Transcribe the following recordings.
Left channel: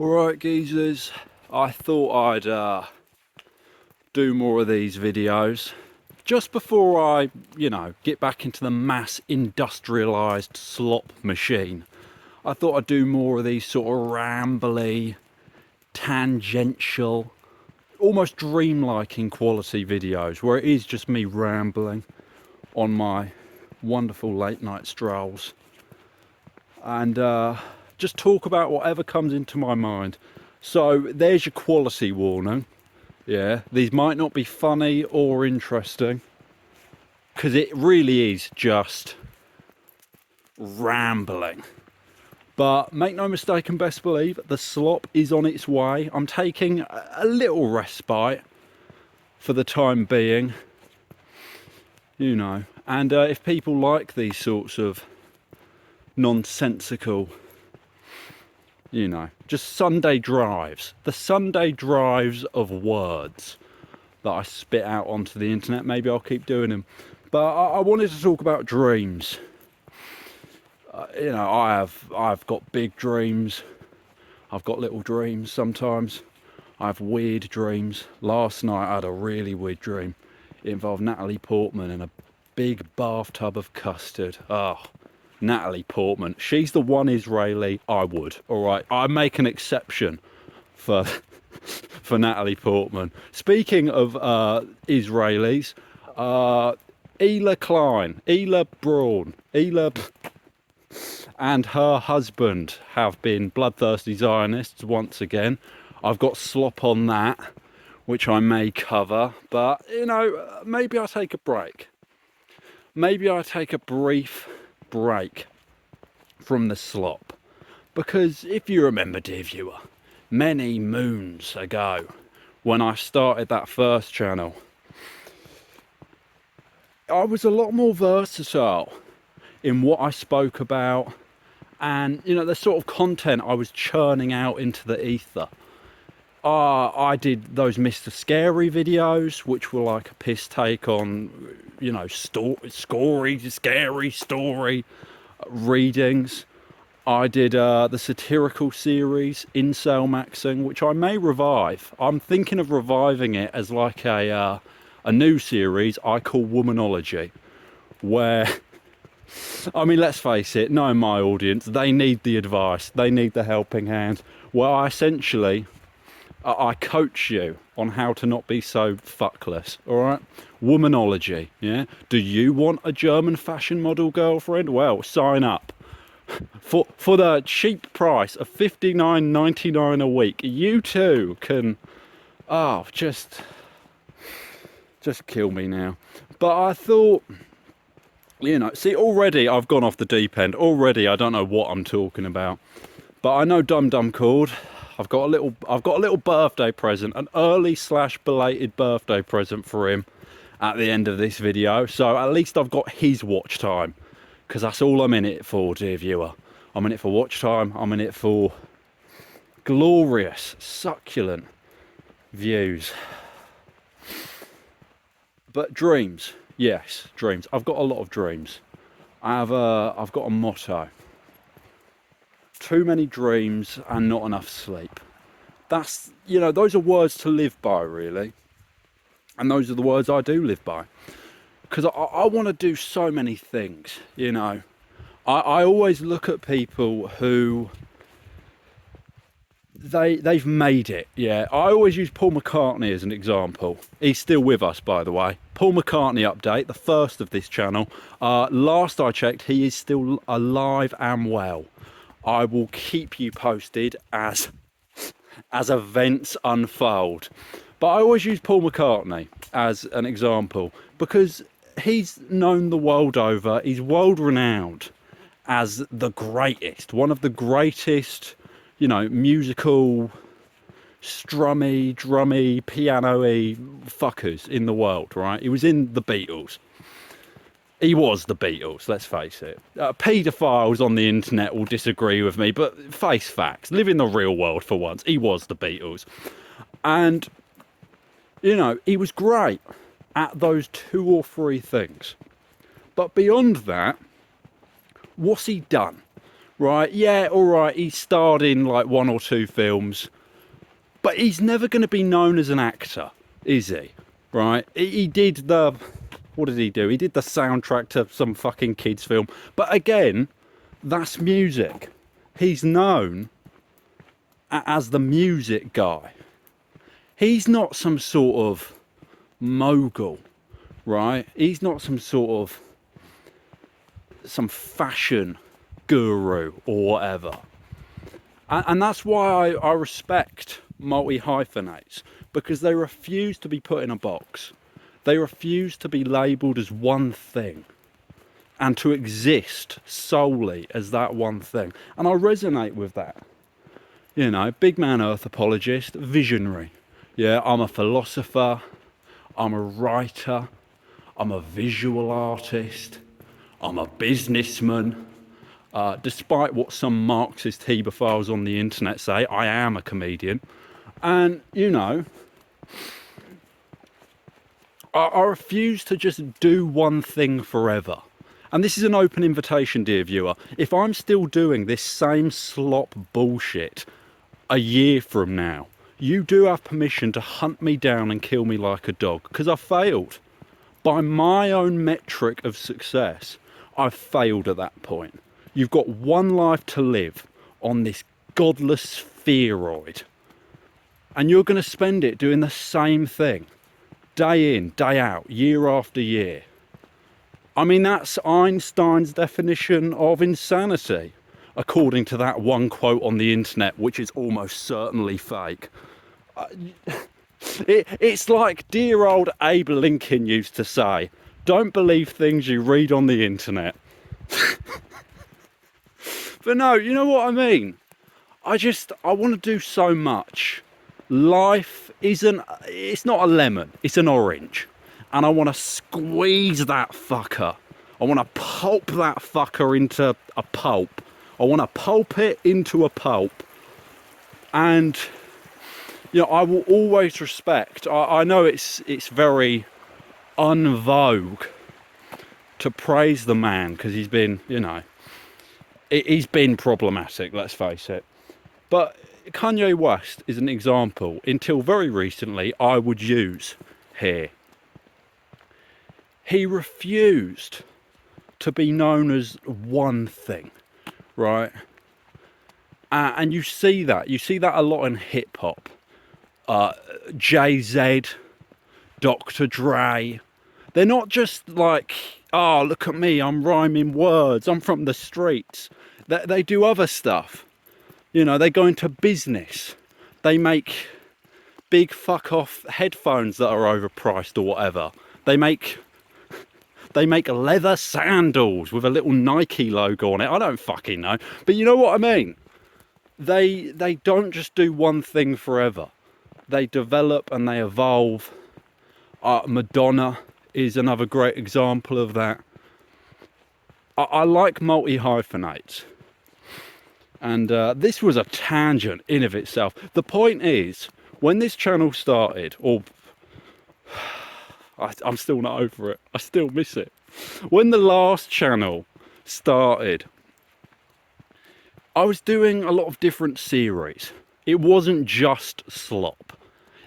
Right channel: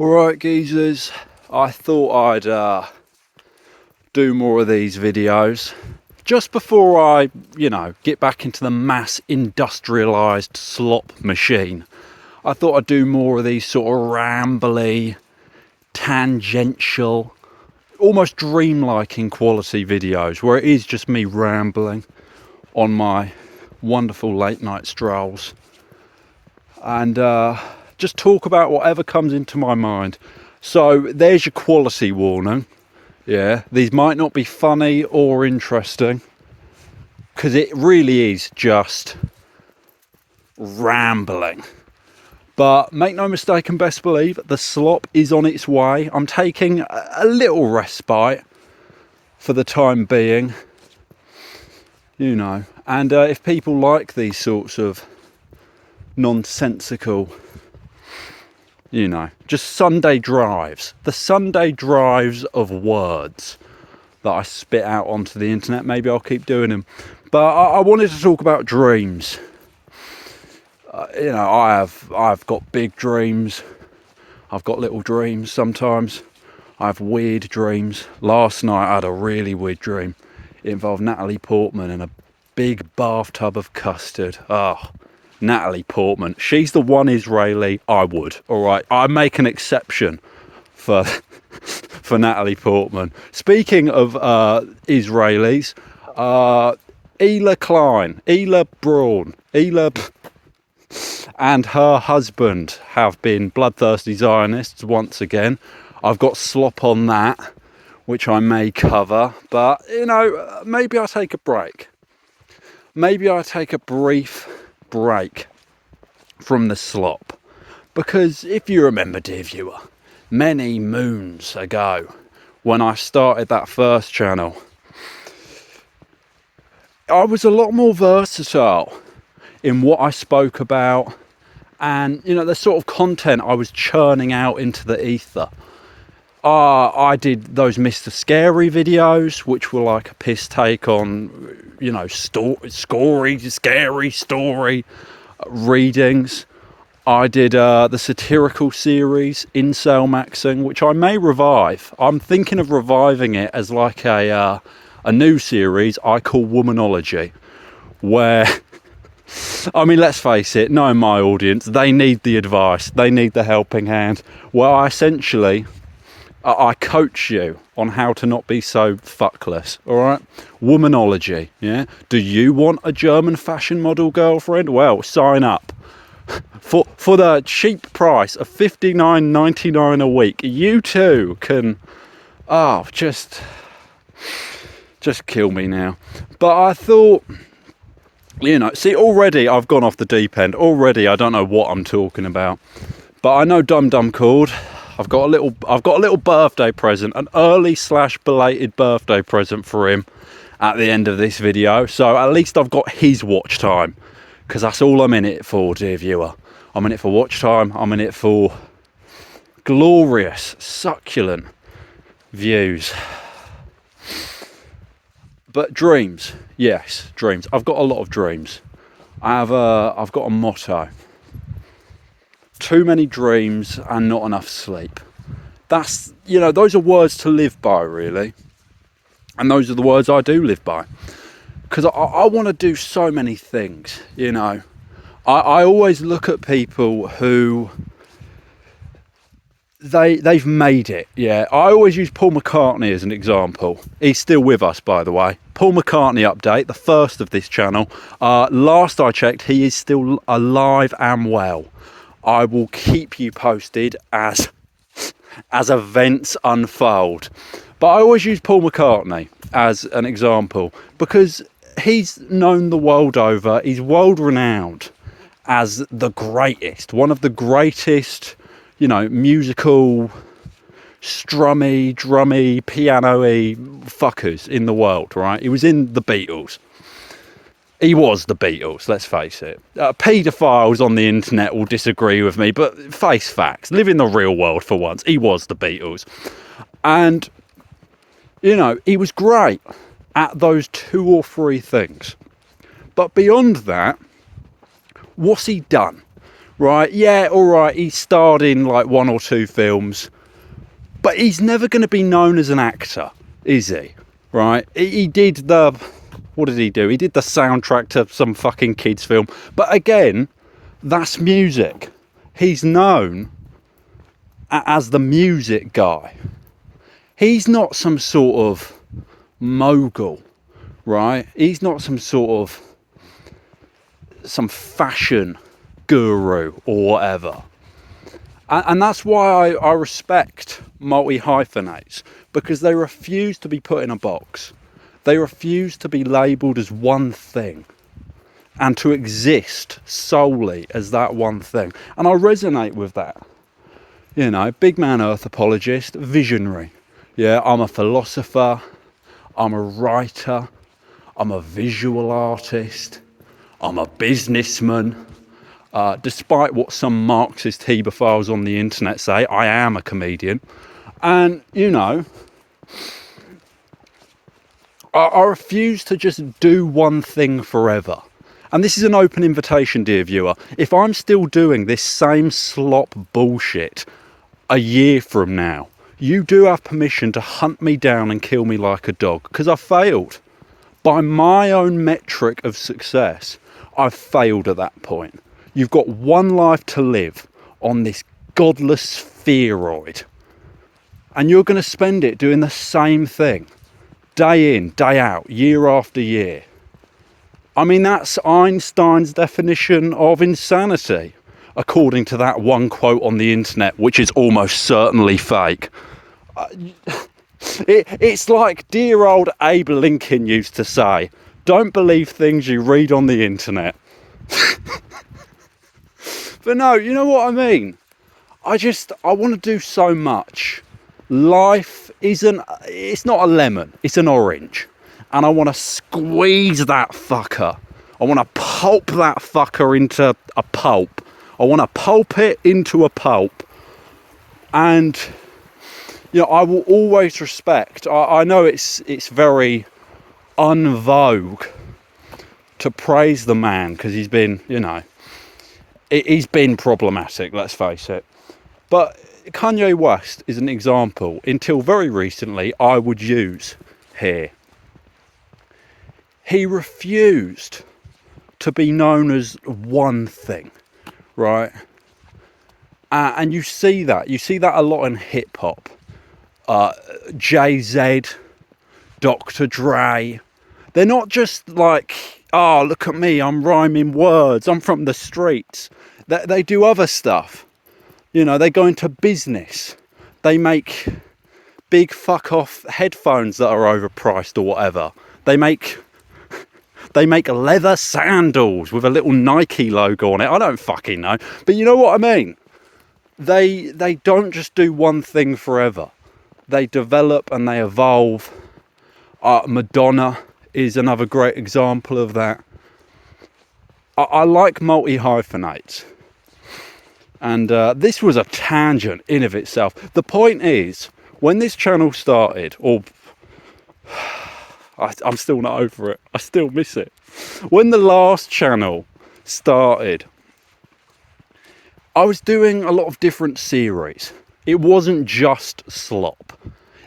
Alright geezers, I thought I'd do more of these videos just before I, get back into the mass industrialised slop machine. I thought I'd do more of these sort of rambly, tangential, almost dreamlike in quality videos where it is just me rambling on my wonderful late night strolls and just talk about whatever comes into my mind. So there's your quality warning. Yeah, these might not be funny or interesting because it really is just rambling. But make no mistake and best believe the slop is on its way. I'm taking a little respite for the time being, and if people like these sorts of nonsensical, just Sunday drives, the Sunday drives of words that I spit out onto the internet, maybe I'll keep doing them. But I wanted to talk about dreams. I've got big dreams. I've got little dreams sometimes. I have weird dreams. Last night I had a really weird dream. It involved Natalie Portman and a big bathtub of custard. Natalie Portman. She's the one Israeli I would. All right, I make an exception for Natalie Portman. Speaking of Israelis, Ela Braun, and her husband have been bloodthirsty Zionists once again. I've got slop on that, which I may cover, but maybe I take a break. Maybe I take a brief break from the slop, because if you remember, dear viewer, many moons ago when I started that first channel, I was a lot more versatile in what I spoke about and the sort of content I was churning out into the ether. I did those Mr. Scary videos, which were like a piss take on scary story readings. I did the satirical series Incel Maxing, which I may revive. I'm thinking of reviving it as like a new series I call Womanology, where let's face it, knowing my audience, they need the advice, they need the helping hand. Well, I coach you on how to not be so fuckless, all right? Womanology, yeah? Do you want a German fashion model girlfriend? Well, sign up. For the cheap price of $59.99 a week, you too can... just kill me now. But I thought... see, already I've gone off the deep end. Already I don't know what I'm talking about. But I know Dum Dum called. I've got a little birthday present, an early/belated birthday present for him at the end of this video. So at least I've got his watch time, because that's all I'm in it for, dear viewer. I'm in it for watch time. I'm in it for glorious, succulent views. But dreams, yes, dreams. I've got a lot of dreams. I've got a motto. Too many dreams and not enough sleep. That's, those are words to live by, really. And those are the words I do live by. Because I want to do so many things, I always look at people who... They've made it, yeah. I always use Paul McCartney as an example. He's still with us, by the way. Paul McCartney update, the first of this channel. Last I checked, he is still alive and well. I will keep you posted as events unfold. But I always use Paul McCartney as an example because he's known the world over. He's world renowned as the greatest, one of the greatest, musical, strummy, drummy, piano-y fuckers in the world, right? He was in the Beatles. He was the Beatles, let's face it. Paedophiles on the internet will disagree with me, but face facts. Live in the real world for once. He was the Beatles. And, he was great at those two or three things. But beyond that, what's he done? right? Yeah, all right, he starred in like 1 or 2 films, but he's never going to be known as an actor, is he? Right? He did the... What did he do? He did the soundtrack to some fucking kids film. But again, that's music. He's known as the music guy. He's not some sort of mogul, right? He's not some fashion guru or whatever. And that's why I respect multi-hyphenates, because they refuse to be put in a box. They refuse to be labelled as one thing and to exist solely as that one thing. And I resonate with that. You know, big man earth apologist, visionary. Yeah, I'm a philosopher, I'm a writer, I'm a visual artist, I'm a businessman. Despite what some Marxist hebephiles on the internet say, I am a comedian. And, you know, I refuse to just do one thing forever. And this is an open invitation, dear viewer. If I'm still doing this same slop bullshit a year from now, you do have permission to hunt me down and kill me like a dog, because I failed. By my own metric of success, I've failed at that point. You've got one life to live on this godless spheroid, and you're going to spend it doing the same thing, day in, day out, year after year. I mean, that's Einstein's definition of insanity, according to that one quote on the internet, which is almost certainly fake. It's like dear old Abe Lincoln used to say, don't believe things you read on the internet. But no, you know what I mean? I want to do so much. Life it's not a lemon, it's an orange. And I want to squeeze that fucker. I want to pulp that fucker into a pulp. I want to pulp it into a pulp. And, you know, I will always respect. I know it's very en vogue to praise the man, because he's been, you know, he's been problematic, let's face it. But Kanye West is an example, until very recently, I would use here. He refused to be known as one thing, right? And you see that a lot in hip hop. Jay-Z, Dr. Dre, they're not just like, oh, look at me, I'm rhyming words, I'm from the streets. They do other stuff. You know, they go into business. They make big fuck off headphones that are overpriced or whatever. They make leather sandals with a little Nike logo on it. I don't fucking know. But you know what I mean? They don't just do one thing forever. They develop and they evolve. Madonna is another great example of that. I like multi-hyphenates. And this was a tangent in of itself. The point is, when this channel started, or I'm still not over it. I still miss it. When the last channel started, I was doing a lot of different series. It wasn't just slop.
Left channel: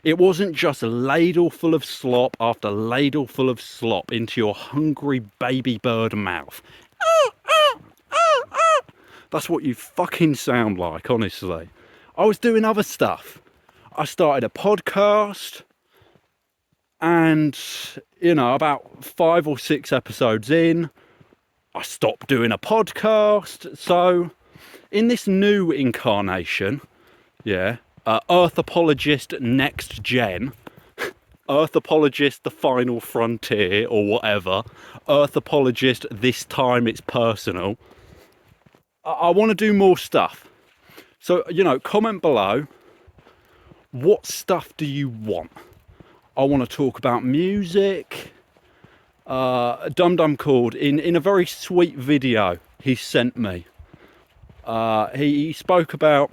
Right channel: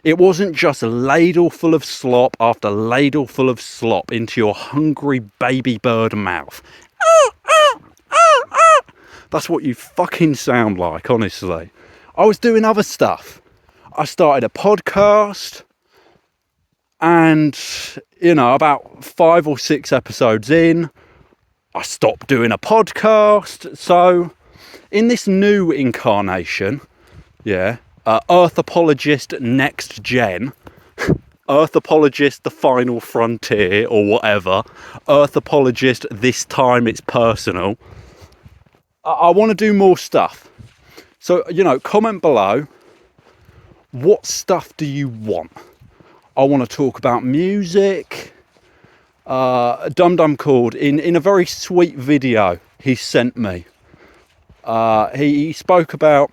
It wasn't just a ladle full of slop after ladle full of slop into your hungry baby bird mouth. That's what you fucking sound like, honestly. I was doing other stuff. I started a podcast. And, you know, about 5 or 6 episodes in, I stopped doing a podcast. So, in this new incarnation, yeah, Earth Apologist Next Gen, Earth Apologist The Final Frontier, or whatever, Earth Apologist This Time It's Personal, I want to do more stuff. So, you know, comment below, what stuff do you want? I want to talk about music. Dum Dum called in a very sweet video he sent me. He spoke about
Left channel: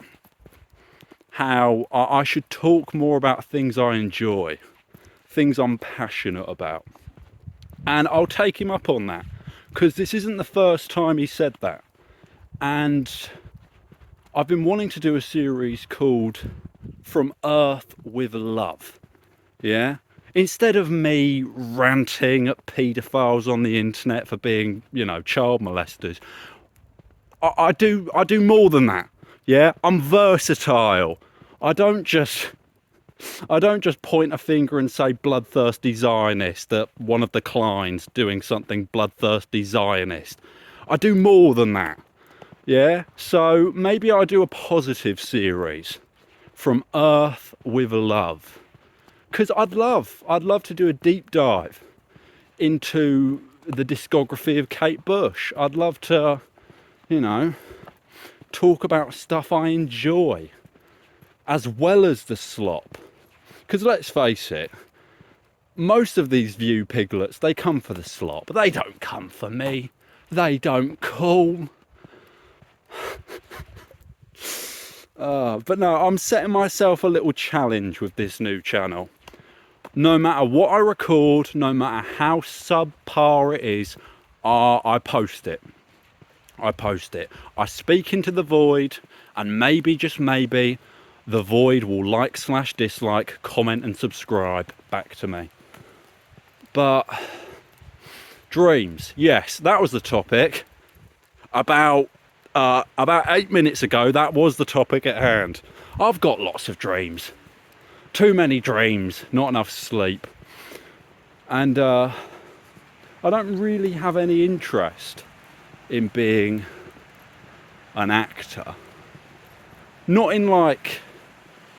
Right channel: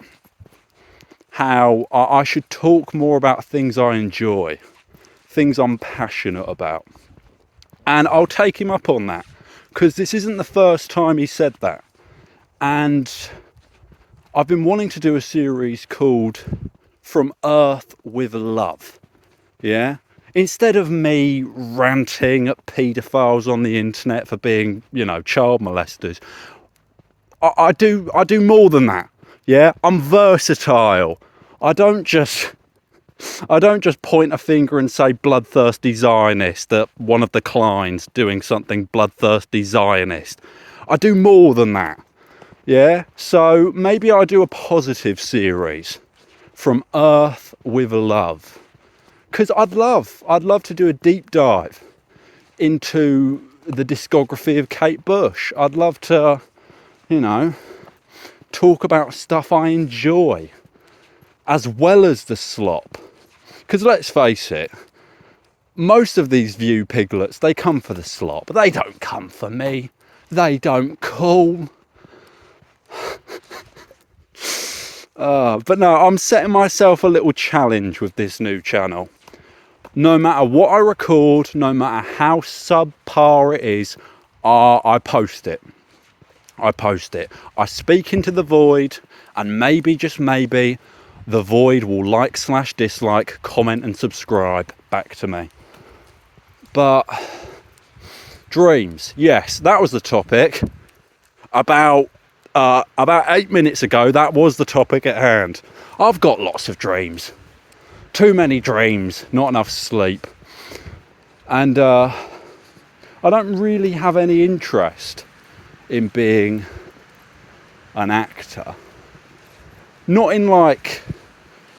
how I should talk more about things I enjoy, things I'm passionate about. And I'll take him up on that, because this isn't the first time he said that. And I've been wanting to do a series called From Earth with Love. Yeah? Instead of me ranting at paedophiles on the internet for being, you know, child molesters, I do more than that. Yeah? I'm versatile. I don't just point a finger and say bloodthirsty Zionist at one of the Kleins doing something bloodthirsty Zionist. I do more than that. Yeah? So maybe I do a positive series, From Earth with Love. Because I'd love to do a deep dive into the discography of Kate Bush. I'd love to, you know, talk about stuff I enjoy, as well as the slop. Because let's face it, most of these view piglets, they come for the slop. They don't come for me. They don't call. But no, I'm setting myself a little challenge with this new channel. No matter what I record, no matter how subpar it is, I post it. I post it. I speak into the void, and maybe, just maybe, the void will like/dislike, comment and subscribe back to me. But dreams, yes, that was the topic. About 8 minutes ago, that was the topic at hand. I've got lots of dreams. Too many dreams, not enough sleep. And I don't really have any interest in being an actor. Not in like